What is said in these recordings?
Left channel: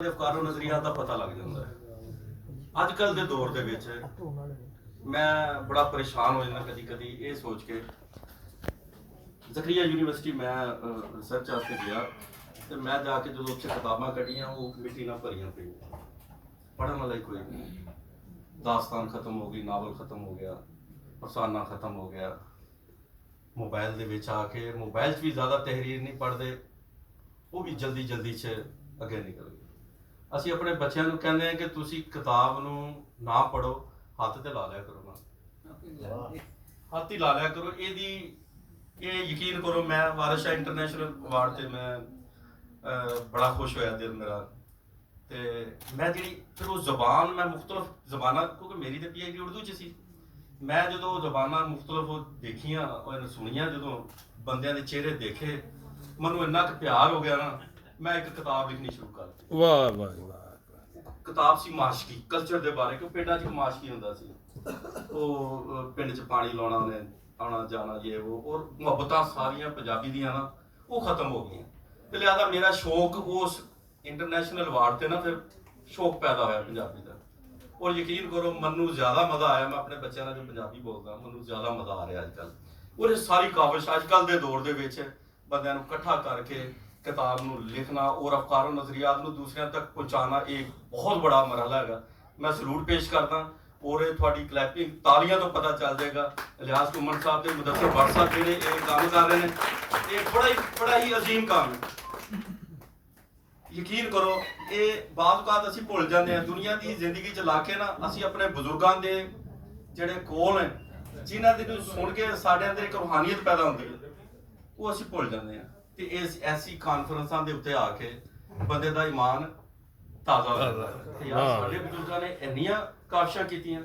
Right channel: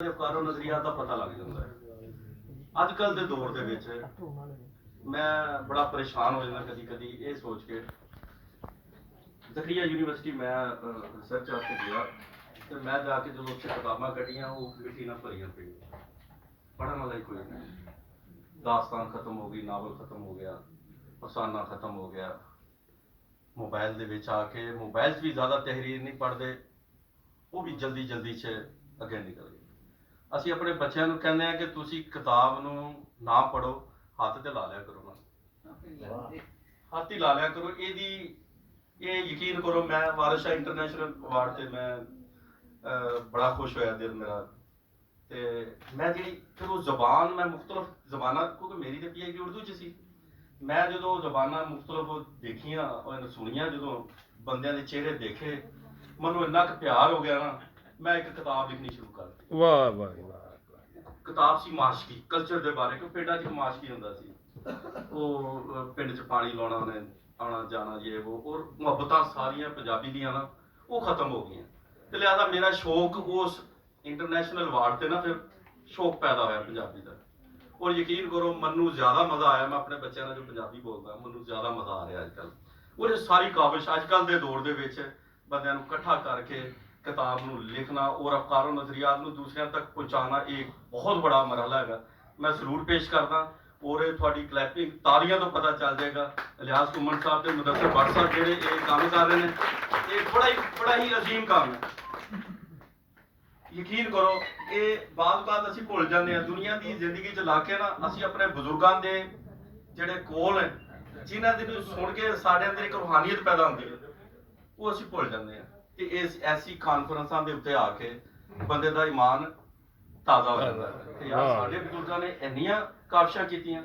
ਅਫਕਾਰੋ ਨਜ਼ਰੀਆ ਦਾ ਪਤਾ ਲੱਗ ਜਾਂਦਾ ਹੈ। ਅੱਜ ਕੱਲ ਦੇ ਦੌਰ ਦੇ ਵਿੱਚ ਮੈਂ ਬੜਾ ਪਰੇਸ਼ਾਨ ਹੋ ਜਾਂਦਾ ਕਦੀ ਕਦੀ ਇਹ ਸੋਚ ਕੇ। ਜ਼ਕਰੀਆ ਯੂਨੀਵਰਸਿਟੀ ਮੈਂ ਰਿਸਰਚ ਵਾਸਤੇ ਗਿਆ ਤੇ ਮੈਂ ਜਾ ਕੇ ਜਦੋਂ ਉੱਥੇ ਕਿਤਾਬਾਂ ਕੱਢੀਆਂ ਉਹ ਮਿੱਟੀ ਨਾਲ ਭਰੀਆਂ ਪਈਆਂ, ਪੜ੍ਹਨ ਵਾਲਾ ਹੀ ਕੋਈ ਨਹੀਂ। ਦਾਸਤਾਨ ਖਤਮ ਹੋ ਗਈ, ਨਾਵਲ ਖਤਮ ਹੋ ਗਿਆ, ਅਫਸਾਨਾ ਖਤਮ ਹੋ ਗਿਆ। ਮੋਬਾਈਲ ਦੇ ਵਿੱਚ ਆ ਕੇ ਮੋਬਾਈਲ 'ਚ ਵੀ ਜ਼ਿਆਦਾ ਤਹਿਰੀਰ ਨਹੀਂ ਪੜ੍ਹਦੇ, ਉਹ ਵੀ ਜਲਦੀ ਜਲਦੀ 'ਚ ਅੱਗੇ ਨਿਕਲ ਗਏ। ਅਸੀਂ ਆਪਣੇ ਬੱਚਿਆਂ ਨੂੰ ਕਹਿੰਦੇ ਹਾਂ ਕਿ ਤੁਸੀਂ ਕਿਤਾਬ ਨੂੰ ਨਾ ਪੜ੍ਹੋ, ਹੱਥ ਤੇ ਲਾ ਲਿਆ ਕਰੋ ਨਾ, ਹੱਥ ਹੀ ਲਾ ਲਿਆ ਕਰੋ। ਇਹ ਯਕੀਨ ਕਰੋ, ਮੈਂ ਵਾਰਿਸ ਸ਼ਾਹ ਇੰਟਰਨੈਸ਼ਨਲ ਅਵਾਰਡ ਤੇ ਮੈਂ ਬੜਾ ਖੁਸ਼ ਹੋਇਆ, ਦਿਲ ਮੇਰਾ। ਤੇ ਮੈਂ ਜਿਹੜੀ ਫਿਰ ਉਹ ਜ਼ਬਾਨ ਮੈਂ ਮੁਖਤਲਿਫ ਜ਼ਬਾਨਾਂ, ਕਿਉਂਕਿ ਮੇਰੀ ਤਾਂ PhD ਉਰਦੂ 'ਚ ਸੀ, ਮੈਂ ਜਦੋਂ ਜ਼ਬਾਨਾਂ ਮੁਖਤਲਿਫ ਦੇਖੀਆਂ ਔਰ ਸੁਣੀਆਂ, ਜਦੋਂ ਬੰਦਿਆਂ ਦੇ ਚਿਹਰੇ ਦੇਖੇ, ਮੈਨੂੰ ਇੰਨਾ ਕੁ ਪਿਆਰ ਹੋ ਗਿਆ ਨਾ, ਮੈਂ ਇੱਕ ਕਿਤਾਬ ਲਿਖਣੀ ਸ਼ੁਰੂ ਕਰ ਦਿੱਤੀ। ਵਾਹ ਵਾਹ ਵਾਹ। ਕਿਤਾਬ ਸੀ ਮਾਸ਼ਕੀ ਕਲਚਰ ਦੇ ਬਾਰੇ, ਕਿਉਂ ਪਿੰਡਾਂ 'ਚ ਮਾਸ਼ਕੀ ਹੁੰਦਾ ਸੀ। ਉਹ ਪਿੰਡ 'ਚ ਪਾਣੀ ਲਾਉਣਾ, ਉਹਨੇ ਆਉਣਾ ਜਾਣਾ, ਇਹ ਉਹ, ਔਰ ਮੁਹੱਬਤਾਂ ਸਾਰੀਆਂ ਪੰਜਾਬੀ ਦੀਆਂ ਨਾ ਉਹ ਖਤਮ ਹੋ ਗਈਆਂ। ਤੇ ਲਿਆਦਾ ਮੇਰਾ ਸ਼ੌਕ ਉਸ ਇੰਟਰਨੈਸ਼ਨਲ ਅਵਾਰਡ ਤੇ ਨਾ ਫਿਰ ਸ਼ੌਕ ਪੈਦਾ ਹੋਇਆ ਪੰਜਾਬੀ ਦਾ। ਔਰ ਯਕੀਨ ਕਰੋ ਮੈਨੂੰ ਜ਼ਿਆਦਾ ਮਜ਼ਾ ਆਇਆ, ਮੈਂ ਆਪਣੇ ਬੱਚਿਆਂ ਨਾਲ ਜੋ ਪੰਜਾਬੀ ਬੋਲਦਾ ਮੈਨੂੰ ਜ਼ਿਆਦਾ ਮਜ਼ਾ ਆ ਰਿਹਾ ਅੱਜ ਕੱਲ੍ਹ। ਔਰ ਇਹ ਸਾਰੀ ਕਾਵਿਸ਼ ਅੱਜ ਕੱਲ੍ਹ ਦੇ ਦੌਰ ਦੇ ਵਿੱਚ ਬੰਦਿਆਂ ਨੂੰ ਇਕੱਠਾ ਕਰਕੇ किताब ਨੂੰ ਲਿਖਣਾ और अफकारो नज़रियात ਨੂੰ ਦੂਸਰਿਆਂ ਤੱਕ ਪਹੁੰਚਾਉਣਾ एक बहुत बड़ा मरहला है। मैं सलूट पेश करदा और थोड़ी क्लैपिंग तालियां तो पता चल जाएगा। लिहाज कुमन साहब ते मुदस्सिर भट्ट साहब जेडे ये काम कर रहे हैं, ये बड़ा ही अजीम काम है। यकीन करो ये बात असीं भुल जाते हैं दुनिया की जिंदगी च ला के ना, असीं अपने बुजुर्गों के जेडे कोल हैं, जिन्हां दे सुन के साडे अंदर एक रूहानियत पैदा होंदी है, वो असीं भुल जाते हैं। ਤੇ ਇਸ ਐਸੀ ਕਾਨਫਰੰਸਾਂ ਦੇ ਉੱਤੇ ਆ ਕੇ ਬੰਦੇ ਦਾ ਈਮਾਨ ਤਾਜ਼ਾ ਹੋ ਜਾਂਦਾ ਹੈ। ਤੇ ਯਾਰ ਸਾਡੇ ਬਜ਼ੁਰਗਾਂ ਨੇ ਇੰਨੀਆਂ ਕਾਵਿਸ਼ਾਂ ਕੀਤੀਆਂ,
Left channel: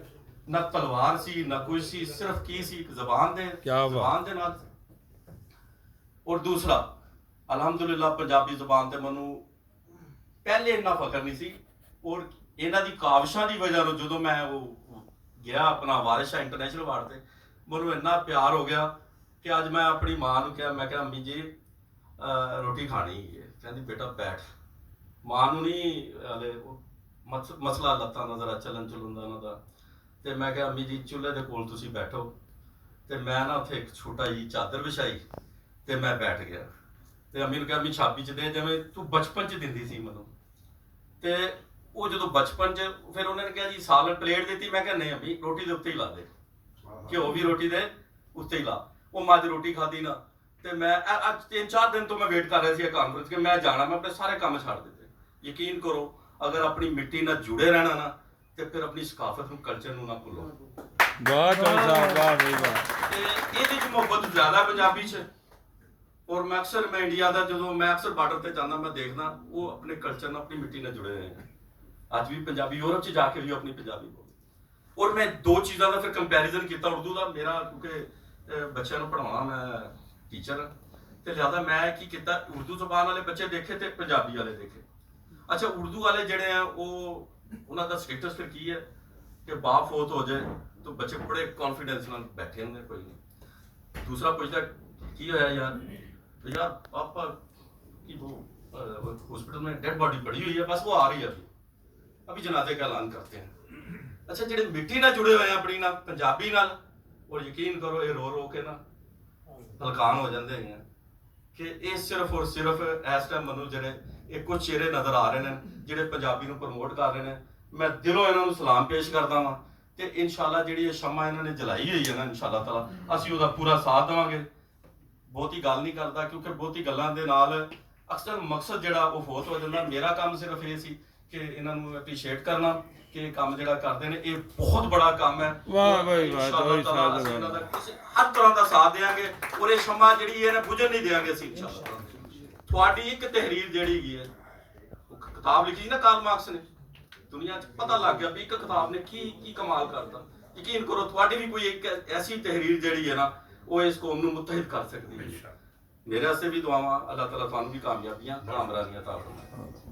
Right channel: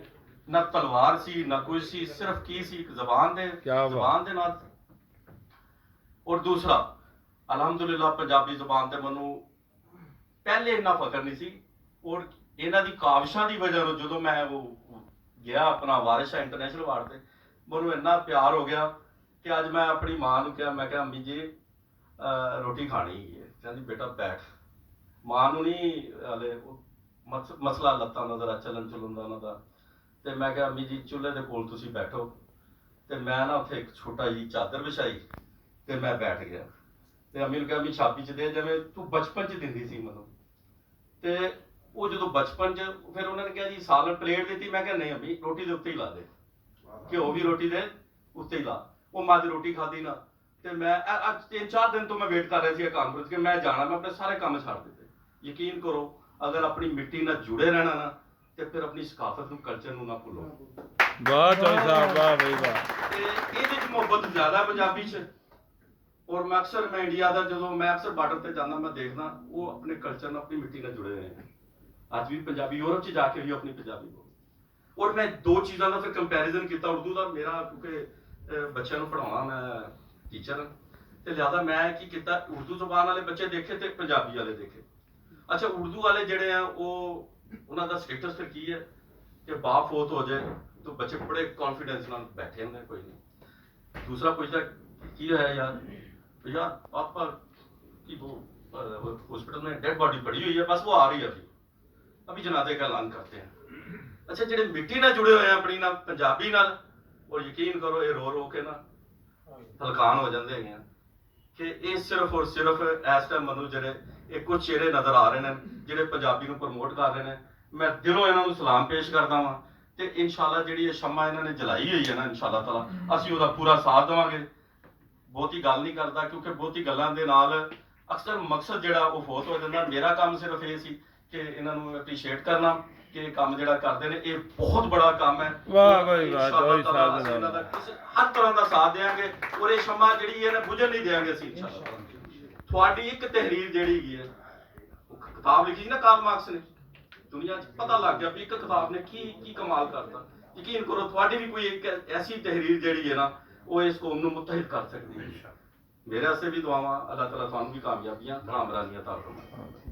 ਨਾ ਤਲਵਾਰ ਸੀ ਨਾ ਕੁਝ ਸੀ, ਸਿਰਫ ਕੀ ਸੀ, ਇੱਕ ਜ਼ਬਾਨ ਦੇ ਨਾਲ। ਔਰ ਦੂਸਰਾ ਅਲਹਮਦੁਲਿਲਾ ਪੰਜਾਬੀ ਜ਼ਬਾਨ ਤੇ ਮੈਨੂੰ ਪਹਿਲੇ ਇੰਨਾ ਫਖਰ ਨਹੀਂ ਸੀ, ਔਰ ਇਹਨਾਂ ਦੀ ਕਾਵਿਸ਼ਾਂ ਦੀ ਵਜ੍ਹਾ ਤੋਂ ਜਦੋਂ ਮੈਂ ਉਹ ਗਿਆ ਆਪਣਾ ਵਾਰਿਸ ਸ਼ਾਹ ਇੰਟਰਨੈਸ਼ਨਲ ਅਵਾਰਡ ਤੇ, ਮੈਨੂੰ ਇੰਨਾ ਪਿਆਰ ਹੋ ਗਿਆ ਕਿ ਅੱਜ ਮੈਂ ਆਪਣੀ ਮਾਂ ਨੂੰ ਕਿਹਾ, ਮੈਂ ਕਿਹਾ ਅੰਮੀ ਜੀ ਰੋਟੀ ਖਾਣੀ ਹੈ। ਕਹਿੰਦੀ ਬੇਟਾ ਬੈਠ। ਮਾਂ ਨੂੰ ਨਹੀਂ ਹਲੇ ਮਸਲਾ ਲੱਤਾਂ ਦਾ ਜ਼ਰਾ ਚੱਲਣ ਚੁਲਣ ਦਾ ਉਹਨਾਂ ਦਾ। ਤੇ ਮੈਂ ਕਿਹਾ ਅੰਮੀ ਜੀ ਚੁੱਲ੍ਹੇ ਦੇ ਕੋਲ ਤੁਸੀਂ ਬੈਠੋ। ਤੇ ਮੈਂ ਨਾ ਉੱਥੇ ਇੱਕ ਛੋਟਾ ਜਿਹੀ ਚਾਦਰ ਵਿਛਾਈ ਤੇ ਮੈਂ ਬੈਠ ਗਿਆ। ਤੇ ਅੰਮੀ ਨੂੰ ਕਿਹਾ ਅੰਮੀ ਛਾਬੀ 'ਚ ਦੇ, ਜਿਵੇਂ ਤੂੰ ਬਚਪਨ 'ਚ ਦਿੰਦੀ ਸੀ ਮੈਨੂੰ। ਤੇ ਉਹ ਜਦੋਂ ਬਚਪਨ 'ਚ ਫਿਰ ਉਹਨਾਂ ਨੇ ਕਿਹਾ ਜੀ ਸਾਲਨ ਪਲੇਟ ਦਿੱਤੀ, ਮੈਂ ਕਿਹਾ ਨਹੀਂ ਅੰਮੀ ਰੋਟੀ ਦੇ ਉੱਤੇ ਹੀ ਲਾ ਦੇ, ਘਿਓ ਵੀ ਰੋਟੀ ਦੇ ਉੱਤੇ ਹੀ ਲਾ। ਉਹ ਮਾਂ ਦੀ ਰੋਟੀ ਖਾਧੀ ਨਾ, ਤੇ ਮੈਂ ਅੱਜ 3-4 ਦਿਨ ਤੋਂ ਮੈਂ ਵੇਟ ਕਰ ਰਿਹਾ ਸੀ ਇਹ ਕਾਨਫਰੰਸ ਕਿ ਮੈਂ ਜਾਣਾ। ਮੈਂ ਆਪਣੇ ਸਾਰੇ ਕੰਮ ਛੱਡ ਦਿੱਤੇ। ਯਕੀਨ ਕਰੋ ਅਗਰ ਆਪਣੀ ਮਿੱਟੀ ਨਾਲ ਜੁੜੇ ਰਹਿਣਾ ਨਾ, ਤੇ ਫਿਰ ਆਪਣੀ ਸਕਾਫਤ ਨੂੰ, ਕਲਚਰ ਨੂੰ ਨਾ ਭੁੱਲੋ। ਵਾਹ ਚੌਧਰੀ ਸਾਹਿਬ, ਵਾਹ ਬਈ ਵਾਹ। ਤੇ ਇਹਦੇ 'ਚ ਮੁਹੱਬਤ ਜ਼ਿਆਦਾ ਪੰਜਾਬੀ 'ਚ। ਔਰ ਮੈਂ ਇੰਡੀਆ ਦਾ ਜਦੋਂ ਮੈਂ ਅਕਸਰ ਬਾਰਡਰ ਤੇ ਜਾਂਦਾ, ਮੈਂ ਦੇਖਦਾ ਉਹ ਆਪਣੇ ਕਲਚਰ ਨਾਲ, ਆਪਣੀ ਮਿੱਟੀ ਨਾਲ ਜੁੜੇ ਹੋਏ ਨੇ। ਅੱਜ ਵੀ ਪੰਜਾਬੀ ਯੂਰਪ 'ਚ ਜਾ ਕੇ ਵੀ ਆਪਣੀ ਪੰਜਾਬੀ ਬੋਲਦੇ। ਔਰ ਮੈਂ ਦੋ ਚੀਜ਼ਾਂ ਦਾ ਫਿਰ ਕੰਪੈਰੀਜ਼ਨ ਕੀਤਾ। ਉਰਦੂ ਦਾ ਮੇਰਾ, ਕਿਉਂਕਿ ਬੱਚਿਆਂ ਨੂੰ ਪੜ੍ਹਾਉਣਾ, ਮੈਂ ਟੀਚਰ ਤੇ ਲਿਆਦਾ ਮੈਂ ਕੀ ਕੀਤਾ, ਉਰਦੂ ਜ਼ਬਾਨ ਵਾਲੇ ਬੱਚੇ ਦੇਖੇ ਤੇ ਪੰਜਾਬੀ ਵਾਲੇ ਦੇਖੇ। ਅੱਛਾ ਉਰਦੂ ਵਾਲੇ ਜਿਹੜੇ ਆ ਉਹ ਉਹਨਾਂ ਦਾ ਸਟੇਟਸ ਫਿਰ ਕੀ ਹੈ ਕਿ ਬਾਪ ਫੌਤ ਹੋ ਜਾਏ ਤਾਂ ਬੱਚੇ ਬੜੇ ਕੌਨਫੀਡੈਂਸ ਨਾਲ ਬੈਠੇ ਹੁੰਦੇ, ਕੋਈ ਨਹੀਂ। ਦੂਸਰਾ ਪੁੱਛਦਾ ਕੀ ਹੋਇਆ यार पापा की वो हॉस्पिटल में डेड बॉडी पड़ी हुई है, बस वो आ रही है, अभी जनाजे का ऐलान करते हैं। अच्छा ਜਿਹੜੇ ਮਿੱਟੀ ਨਾਲ ਜੁੜੇ ਹੋਏ ਆ ਆਪਣੀ ਨਾਲ, ਪੰਜਾਬੀ ਨਾਲ, ਉਹ ਯਕੀਨ ਕਰੋ ਇਹ ਰੋ ਰੋ ਕੇ ਨਾ ਹਲਕਾਨ ਹੋ ਜਾਂਦੇ ਹੈਗੇ ਕਿ ਇਹ ਸਿਰਫ ਔਰ ਸਿਰਫ ਇਸ ਟਾਈਮ ਮੈਨੂੰ ਜਿਹੜੇ ਇਹ ਕੁਝ ਚਿਹਰੇ ਨਜ਼ਰ ਆ ਰਹੇ ਨੇ ਜਿਹੜੇ ਪੰਜਾਬੀ ਨੂੰ ਪ੍ਰਮੋਟ ਕਰ ਰਹੇ ਨੇ, ਮੈਂ ਦਿਲੋਂ ਇਹਨਾਂ ਨੂੰ ਸਲਾਮ ਪੇਸ਼ ਕਰਦਾ ਵਾਂ। ਤੇ ਇਨਸ਼ਾਅੱਲਾ ਜਿਹੜੀ ਇਹ ਸ਼ਮਾ ਇਹਨਾਂ ਨੇ ਜਲਾਈ ਹੋਈ ਹੈ ਨਾ, ਇਨਸ਼ਾਅੱਲਾ ਤਾਲਾ ਅਸੀਂ ਉਹਦਾ ਪੂਰਾ ਸਾਥ ਦੇਵਾਂਗੇ। ਬਹੁਤੀ ਗੱਲ ਨਹੀਂ ਕਰਦਾ ਕਿਉਂਕਿ ਬਹੁਤੀ ਗੱਲਾਂ ਦੇ ਨਾਲ ਅਕਸਰ ਮਕਸਦ ਜਿਹੜਾ ਉਹ ਫੌਤ ਹੋ ਜਾਂਦਾ। ਮੇਰਾ ਕੰਮ ਸਿਰਫ ਇਹ ਸੀ ਕਿ ਇਹਨਾਂ ਨੂੰ ਐਪਰੀਸ਼ੀਏਟ ਕਰਨਾ ਕਿ ਇਹ ਕੰਮ ਜਿਹੜਾ ਕਰਦੇ ਨੇ ਇਹ ਬਹੁਤ ਬੜਾ ਕੰਮ ਹੈ। ਵਾਹ ਬਈ ਵਾਹ ਚੌਧਰੀ ਸਾਹਿਬ ਦੇ ਨਾਲ ਹਰ ਤਰ੍ਹਾਂ ਦਾ ਸਾਥ ਦੇਵਾਂਗੇ ਔਰ ਇਹ ਸ਼ਮਾ ਜਿਹੜੀ ਹੈ ਬੁਝਣ ਨਹੀਂ ਦੇਵਾਂਗੇ ਅਸੀਂ ਇਨਸ਼ਾਅੱਲਾ। ਤੁਹਾਡੀ ਇੱਕ ਤਹਿਰੀਰ ਜਿਹੜੀ ਹੈਗੀ ਹੈ, ਉਹ ਕਿਤਾਬ ਲਿਖੀ ਨਾ ਕਾਰਲ ਮਾਰਕਸ ਨੇ, ਦੁਨੀਆ 'ਚ ਪਤਾ ਲੱਗ ਗਿਆ ਵੀ ਇੱਕ ਕਿਤਾਬ ਨੇ ਕੀ ਕਮਾਲ ਕਰਤਾ। ਯਕੀਨ ਕਰੋ ਤੁਹਾਡੀ ਵੀ ਕੋਈ ਇੱਕ ਐਸੀ ਤਹਿਰੀਰ ਜਿਹੜੀ ਹੈ ਨਾ ਉਹ ਇਸ ਕੌਮ ਨੂੰ ਮੁਤਹਿਦ ਕਰ ਸਕਦੀ ਹੈ। ਮੇਰੇ ਵਾਸਤੇ ਵੀ ਦੁਆਵਾਂ, ਅੱਲਾਹ ਤਾਲਾ ਤੁਹਾਨੂੰ ਵੀ ਕਾਮਯਾਬੀਆਂ, ਆਮਰਾਨੀਆਂ ਤਾ ਫਰਮਾਏ।